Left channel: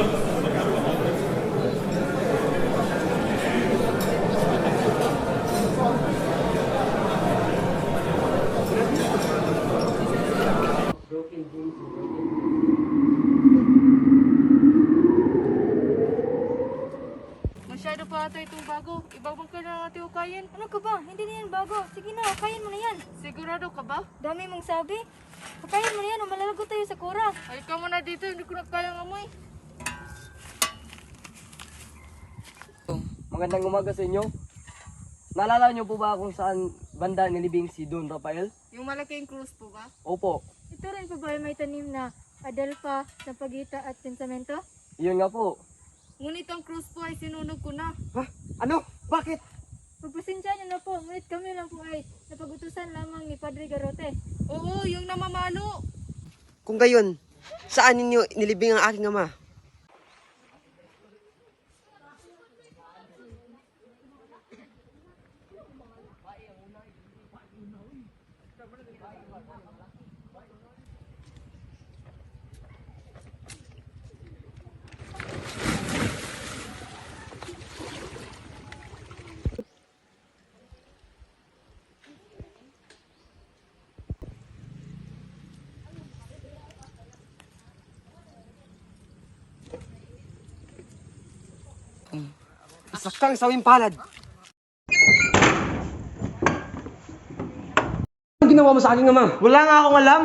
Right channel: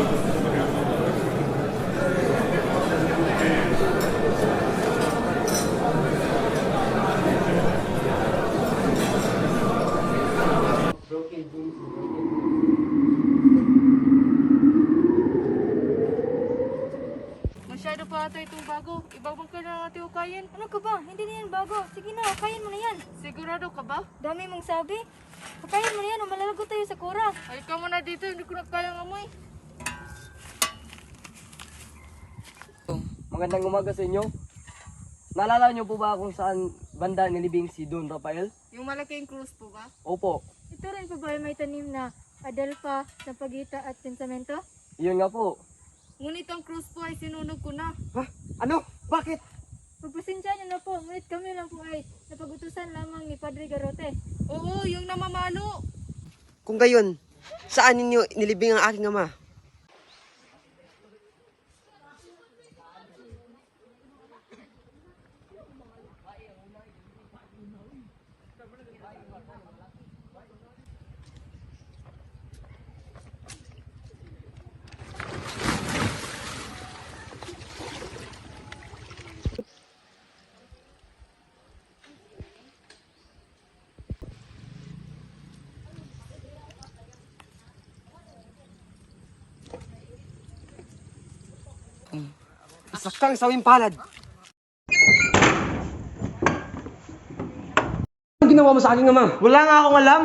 Masyado pa ata itong bago. Ibabang ka na natin ukayin. Ano ka ba? Hindi na yan bago. Sige na, kain mo na yan. Sigurado ka ba? Dami mong sabi. Kakain mo na yan o malalagot tayo sa kura. Ay, ka muna dito. Hindi ko na kayang amoy. Magandang umaga sa inyo. Naalala niyo po ba kung saan banda nilibing si Don Rafael? Yung malaking cruise po ba? Opo, Ito rin pa ba may tanim na adelpa, sampagita at pensamento? yun nga po. Ngunit ang cruise po ay sinunog ko na. Ha? Ano? Bakit? Pagpasensya niyo na po, ngunit kami lang po ay napagutusan lamang ni Padre Garote. Oo, yung namamalo. Kung gayon, saan ninyo nilibing ang aking ama? Isa kang sawing palad. Ano ginawa mo sa aking ama? Wala nga akong alam.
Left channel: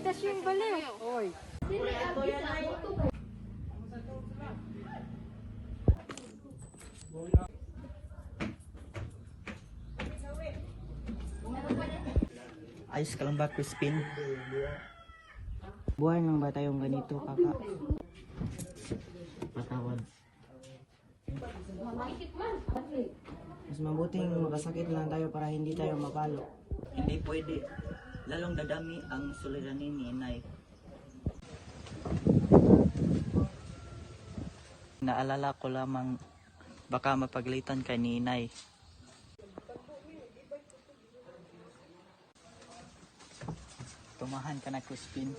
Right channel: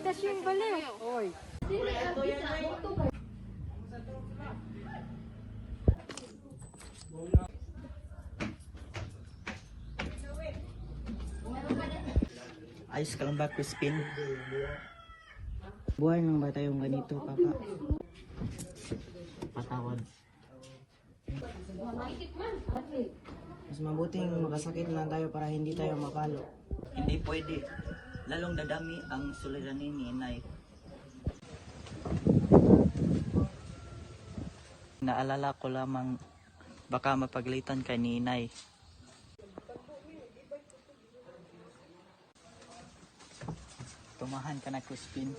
Tas yung baliw. Oy. Ayos ka lang ba, Crispin? Buhay lang ba tayong ganito, kaka? Patawad. Mas mabuting magkasakit lang tayo para hindi tayo mapalo. Hindi pwede. Lalong dadami ang suliranin ni inay. Naalala ko lamang baka mapaglitan ka ni inay. Tumahan ka na, Crispin.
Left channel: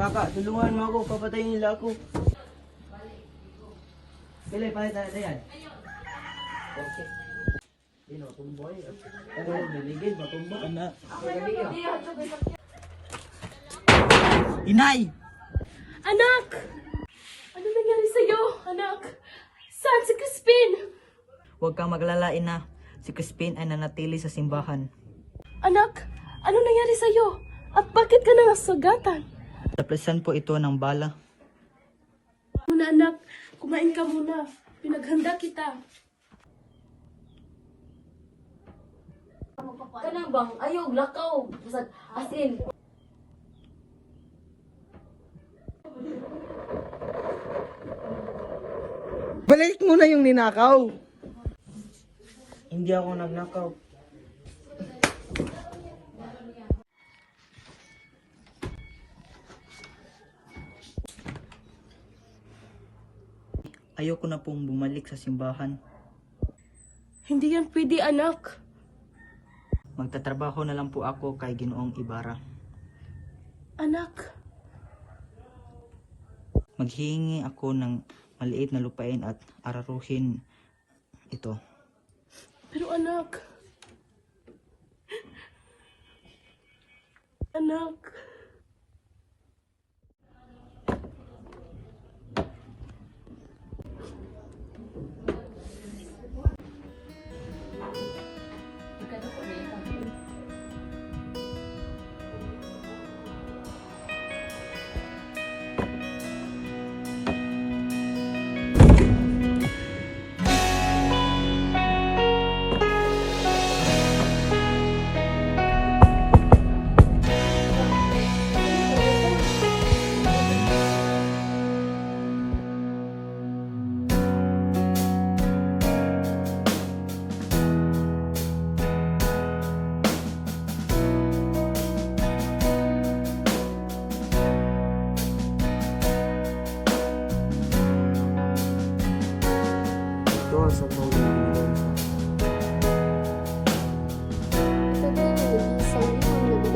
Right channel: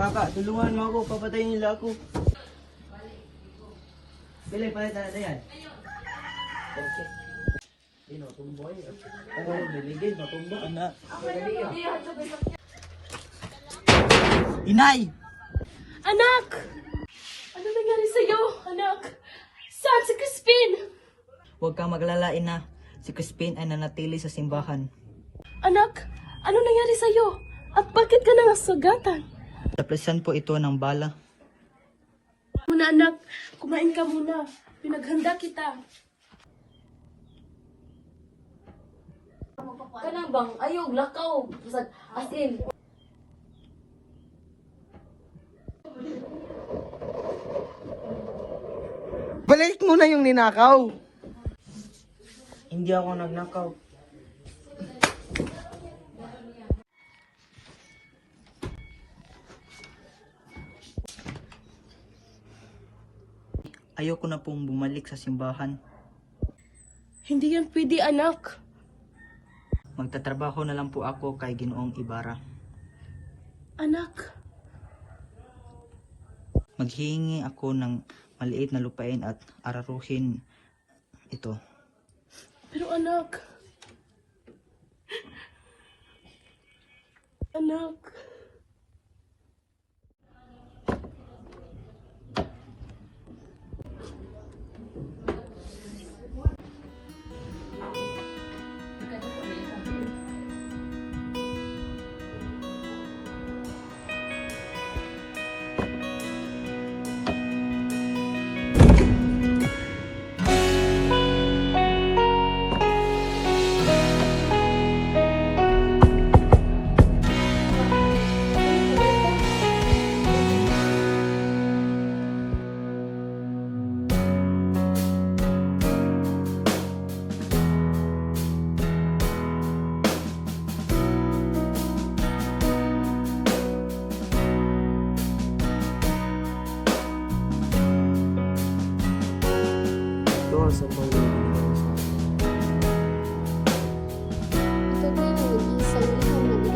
Kaka, tulungan mo ako, papatayin nila ako. Bili, palit na natin yan. Okay. Dino, tumboy. Oo, biligin, matumbo. Anak. Inay! Anak! Ano nangyari sa'yo, anak? Saan si Crispin? Huwag kang maglala, ina. Si Crispin ay nanatili sa simbahan. Anak, ano nangyari sa'yo? At bakit ka nangasagatan? Napresan po ito ng bala. Muna anak, kumain ka muna. Pinaghanda kita. Kana bang, ayog, lakaw. As in, Balik mo na yung ninakaw. Hindi ako nagnakaw. Ayoko na pong bumalik sa simbahan. Hindi yan pwede, anak. Magtatrabaho na lang po ako kay Ginoong Ibarra. Anak, Maghihingi ako ng maliit na lupain at araruhin ito. pero anak. Anak.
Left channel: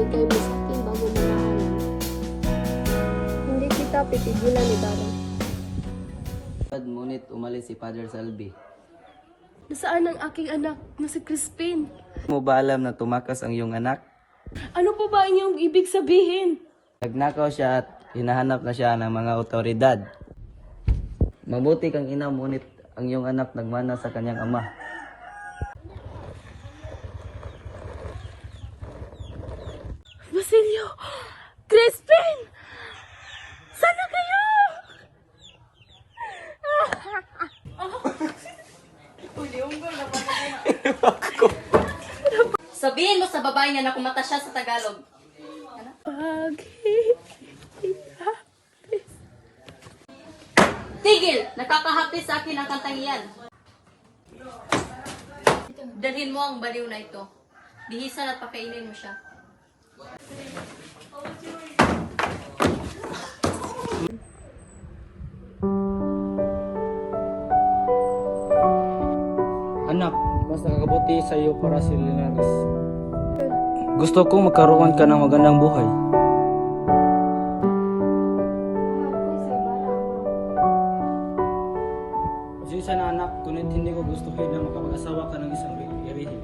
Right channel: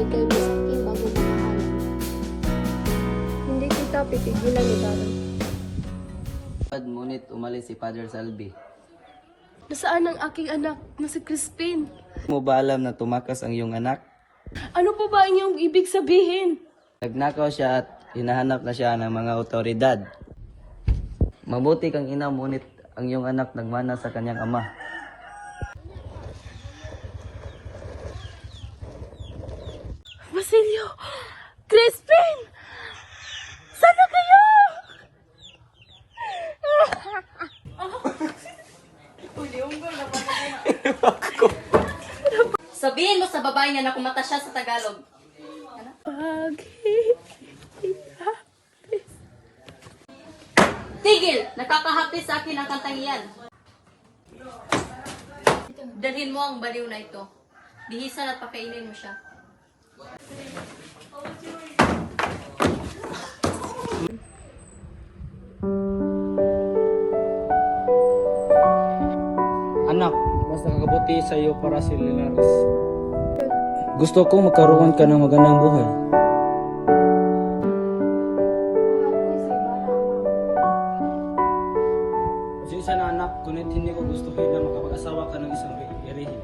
Ibigay mo sa akin bago mahalin. Hindi kita pipigilan ni Daddy. Ngunit umalis si Father Salvi. Nasaan ang aking anak na si Crispin? Mo ba alam na tumakas ang iyong anak? Ano po ba ang iyong ibig sabihin? Nagnakaw siya at hinahanap na siya ng mga otoridad. Mabuti kang ina, ngunit ang iyong anak nagmana sa kanyang ama. Basilio! Crispin! Sana kayo! Sabihin mo sa babae niya na kumata siya sa Tagalog. Tigil! Nakakahapis sa akin ang kantang iyan. Dalhin mo ang baliw na ito. Bihisan at pakainin mo siya. Nakakabuti sa iyo para si Linares. Gusto kong magkaroon ka ng magandang buhay. Pasensya na anak, kunit hindi ko gusto kayo na makapag-asawa ka ng isang garihin.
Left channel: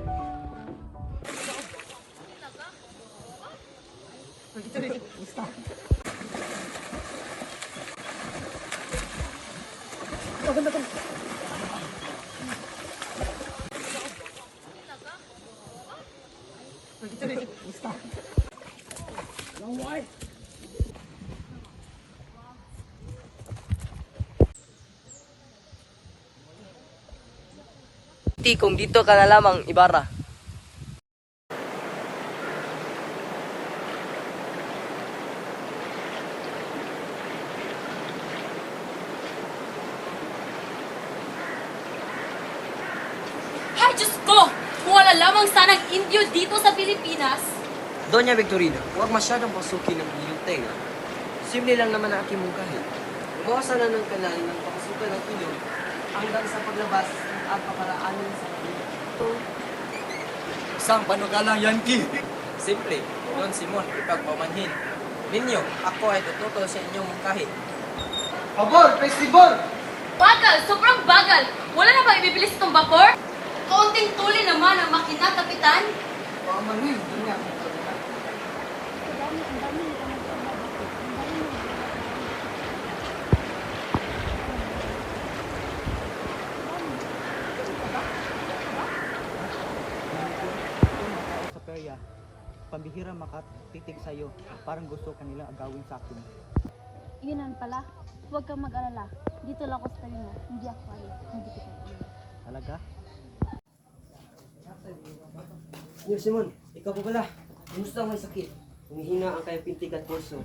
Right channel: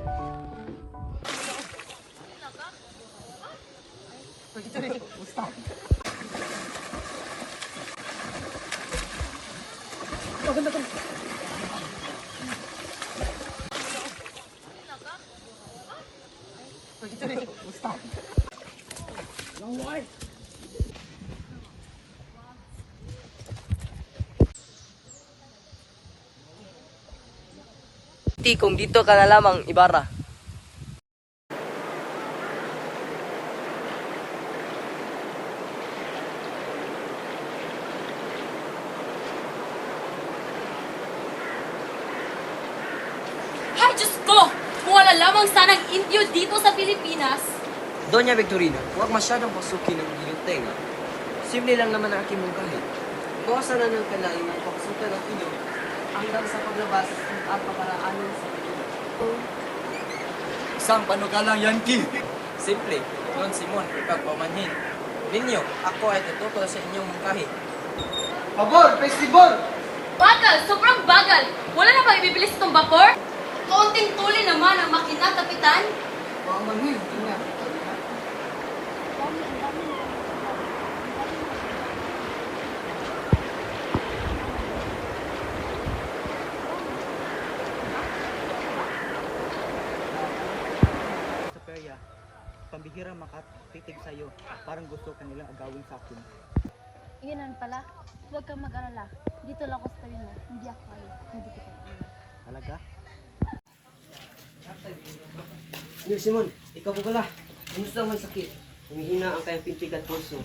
Ti, kung dito ka na lamang, Ibarra. Ay, Diyos ko! Kung wala lamang sanang Indio dito sa Pilipinas, Doña Victorina, huwag masyadong pasukin ng iyong tenga. Simple lang naman ang aking mungkahi. Bawasan na ng kalain ng pakasukan ng ilong hanggang sa paglabas at paparaanan sa kanila. Isang panukalang Yankee. Simple, Don Simon, ipagpamanhin. Ninyo, ako ay tututo sa inyong mungkahi. bagal! Sobrang bagal! Wala na ba ibibilis itong vapor? Kaunting tuli naman ang makina, Kapitan. Sa pambihira makatitig sa iyo. Parang gusto kanilang agawin sa akin. Yun pala. Huwag kang mag-alala. Dito lang ako sa tabi mo. Hindi ako alis. Hindi kita iwan. Talaga? Sir Simon, ikaw po pala. Kumusta ang may sakit? Humihina ang kanyang pintig at pulso.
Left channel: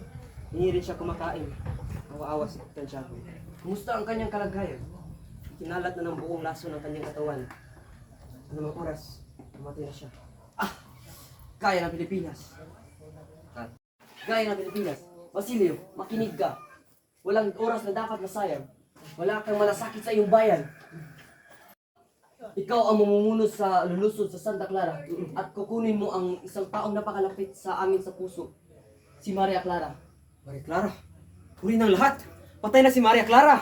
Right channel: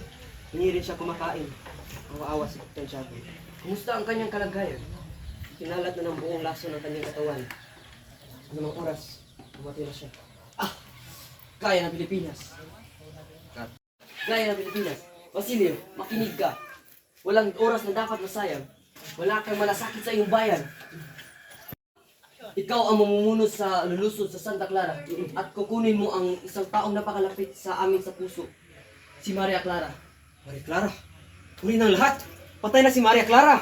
Hindi rin siya kumakain. Awa-awa si Captain Tiago. Kumusta ang kanyang kalagayan? Kinalat na ng buong laso ng kanyang katawan. Anumang oras, mamatay na siya. Gaya ng Pilipinas. Gaya ng Pilipinas. Basilio, makinig ka. Walang oras na dapat masayang. Wala kang malasakit sa iyong bayan. Ikaw ang mamumuno sa lulusod sa Santa Clara at kukunin mo ang isang taong napakalapit sa amin sa puso, si Maria Clara. Maria Clara? Huli ng lahat! Patay na si Maria Clara!